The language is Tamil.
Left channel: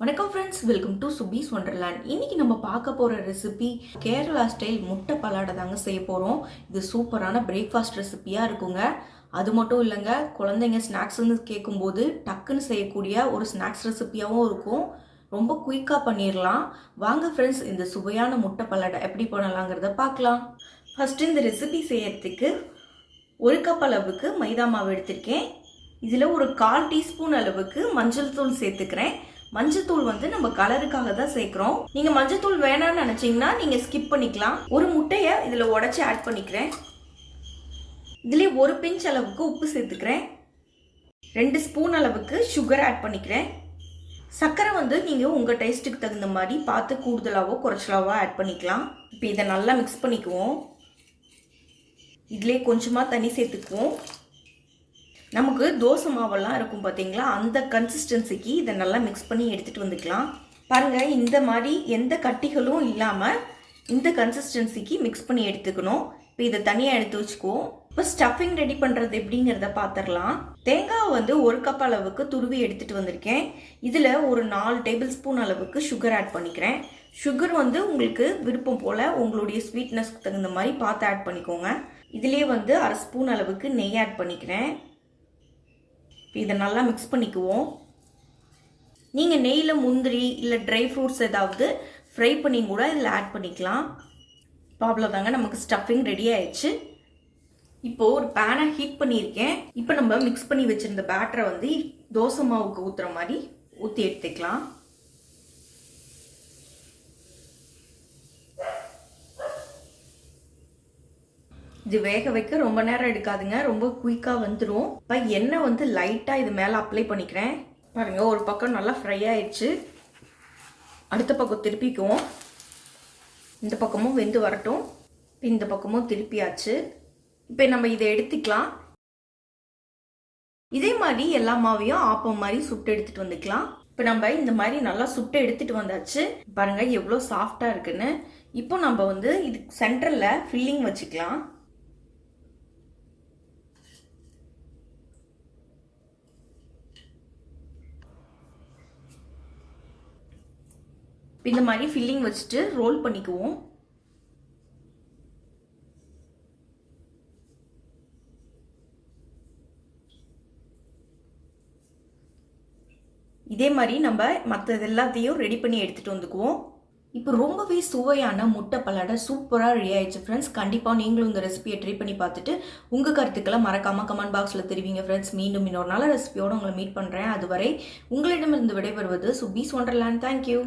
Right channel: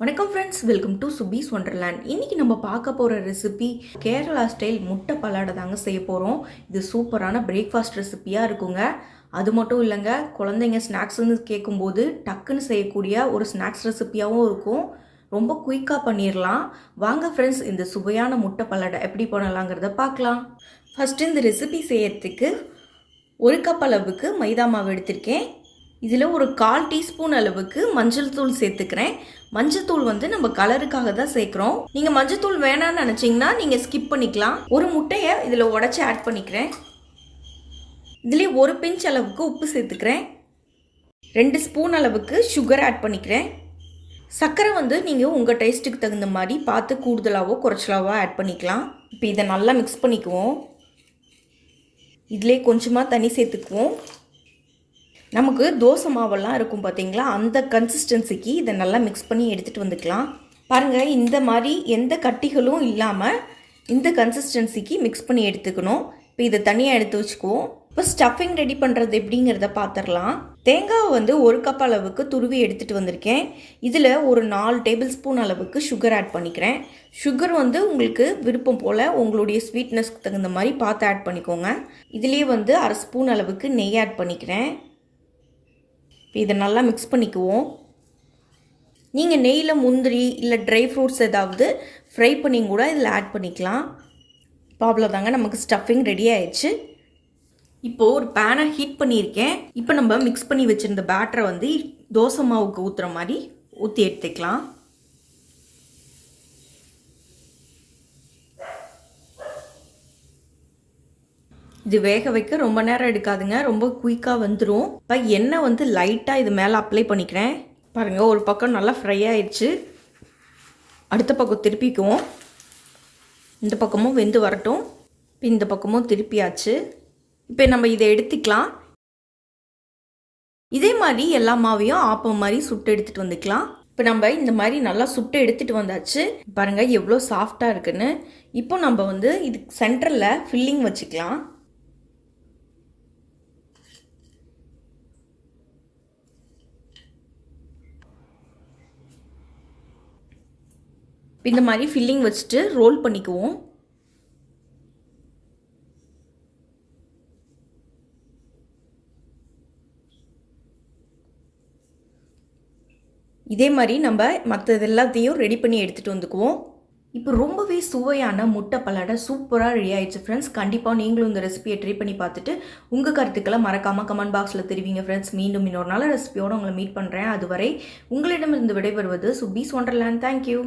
வணக்கம் ஃப்ரெண்ட்ஸ், வெல்கம் டு சுபீஸ் ஒண்டர்லேண்ட். இன்னைக்கு நம்ம பார்க்க போகிற ரெசிபி கேரளா ஸ்டைல் முட்டை பலாடை தாங்க செய்ய போகிறோம். இது சூப்பரான பிரேக்ஃபாஸ்ட் ரெசிபியாக இருக்குங்க. அது மட்டும் இல்லைங்க, குழந்தைங்க ஸ்நாக்ஸ்ன்னு கேட்கும்போது டக்குன்னு செய்யக்கூடிய ஒரு ஸ்நாக்ஸ் ரெசிபியாகவும் இருக்கும். ரொம்ப குயிக்காக பண்ணிடலாம். வாங்க ஃப்ரெண்ட்ஸ், இந்த சுவையான முட்டை பலாடை எப்படி பண்ணலாங்கிறத பார்க்கலாம். ஃபஸ்ட்டு இந்த ரெசிபி செய்யறதுக்கு 1 கப் அளவுக்கு மைதா மாவு எடுத்திருக்கேன். இதில் ஒரு 1/4 டீஸ்பூன் அளவுக்கு மஞ்சள் தூள் சேர்த்துக்கிறேன். மஞ்சள் தூள் நம்ம கலருக்காக தான் சேர்க்குறோம். நீங்கள் மஞ்சள் தூள் வேணான்னு நினச்சிங்கன்னா நீங்கள் ஸ்கிப் பண்ணிக்கலாம். ஒரு முட்டையை இதில் உடச்சி ஆட் பண்ணிக்கிறேன். இதிலே 1 பிஞ்ச் அளவுக்கு உப்பு சேர்த்துக்கிறேன். 2 ஸ்பூன் அளவுக்கு சுகர் ஆட் பண்ணிக்கிறேன். சர்க்கரை நீங்கள் உங்கள் டேஸ்ட்டுக்கு தகுந்த மாதிரி பார்த்து கூடுதலாகவோ குறைச்சலாவோ ஆட் பண்ணிக்கலாம். இப்போ இதை நல்லா மிக்ஸ் பண்ணிக்குவோம். இதிலே கொஞ்சமாக தண்ணி சேர்த்துக்குவோம். நமக்கு தோசை மாவெல்லாம் இருக்கும் பார்த்தீங்களா, அந்த கன்சிஸ்டன்சிக்கு இதை நல்லா மிக்ஸ் பண்ணி எடுத்துகிட்டு வந்துக்கலாம். பாருங்கள், இந்த மாதிரி எந்த கட்டிகளும் இல்லாமல் இந்த கன்சிஸ்டன்சிக்கு மிக்ஸ் பண்ணி எடுத்துக்கணும். இப்போ இதை தனியாக எடுத்து வச்சுக்குவோம். இப்போ ஸ்டஃபிங் ரெடி பண்ணுறது எப்படிங்கிறத பார்த்துடலாம். தேங்காய் 1 கப் அளவுக்கு துருவி எடுத்துகிட்டு வந்திருக்கேன். இதில் ஒரு 4 டேபிள் ஸ்பூன் அளவுக்கு சுகர் ஆட் பண்ணிக்கிறேன். சுகர் உங்களுக்கு விருப்பம் போல் உங்களுடைய ஸ்வீட்னஸ்க்கு தகுந்த மாதிரி பார்த்து ஆட் பண்ணிக்கோங்க. இதுலேயே 1/2 ஸ்பூன் அளவுக்கு நெய் ஆட் பண்ணிக்கிறேன். இதை நல்லா மிக்ஸ் பண்ணிக்குவோம். நீங்கள் நெய்யில் முந்திரி இல்லை ட்ரை ஃப்ரூட்ஸ் ஏதாவது ஃப்ரை பண்ணி கூட இதில் ஆட் பண்ணிக்கலாம். இப்போ அவ்வளோதாங்க, நமக்கு ஸ்டஃபிங் ரெடி ஆயிடுச்சு. இப்போது ஒரு பேனை ஹீட் பண்ணியிருக்கேன். இப்போ நம்ம மிக்ஸ் பண்ணி வச்சுருந்த பேட்டரை தோசை மாவுக்கு ஊற்றுற மாதிரி ஊற்றி எடுத்துக்கலாம். இது வேக வைக்க ரொம்ப நேரம் எடுக்காதுங்க, ரொம்ப குயிக்காக வந்துடும். இப்போ எண்ணெய் லைட்டாக இது மேலே அப்ளை பண்ணிக்கிறேன். பாருங்கள், ஒரு பக்கம் நல்லா ஃப்ரை ஆயிடுச்சு. அடுத்த பக்கம் திருப்பிக்குவோம். இந்த பக்கமும் வெந்து வரட்டும். இப்போ இந்த பக்கமும் திருப்பியாச்சு. இப்போ நம்ம இதை எடுத்துக்கலாம். இதே மாதிரி எல்லா மாவையும் ஆப்பம் மாதிரி சுட்டு எடுத்துகிட்டு வந்துக்கலாம். இப்போ நம்ம இந்த மாதிரி நல்லா சுட்டு எடுத்துகிட்டு வந்தாச்சு. பாருங்கள் எவ்வளோ சாஃப்டாக இருக்குன்னு. இப்போ நம்ம இது சென்டரில் ஃபில்லிங் வச்சுக்கலாம். இந்த மாதிரி ஃபில்லிங் வச்சுட்டு ரோல் பண்ணிக்குவோம். இதே மாதிரி நம்ம மற்றது எல்லாத்தையும் ரெடி பண்ணி எடுத்துகிட்டு வந்துக்குவோம். இப்போ ரொம்பவே சுவையான முட்டை பலாடை சூப்பராக ரெடி ஆயிடுச்சு ஃப்ரெண்ட்ஸ். கண்டிப்பாக நீங்களும் இந்த ரெசிபியை ட்ரை பண்ணி பார்த்துட்டு உங்கள் கருத்துக்களை மறக்காமல் கமெண்ட் பாக்ஸில் தெரிவிங்க ஃப்ரெண்ட்ஸ். மீண்டும் இன்னொரு நல்ல ரெசிபியோடு உங்களை மீட் பண்ணுறேன். அதுவரை உங்களிடமிருந்து விடைபெறுவது சுபீஸ் ஒண்டர்லேண்ட். தேங்க்யூ.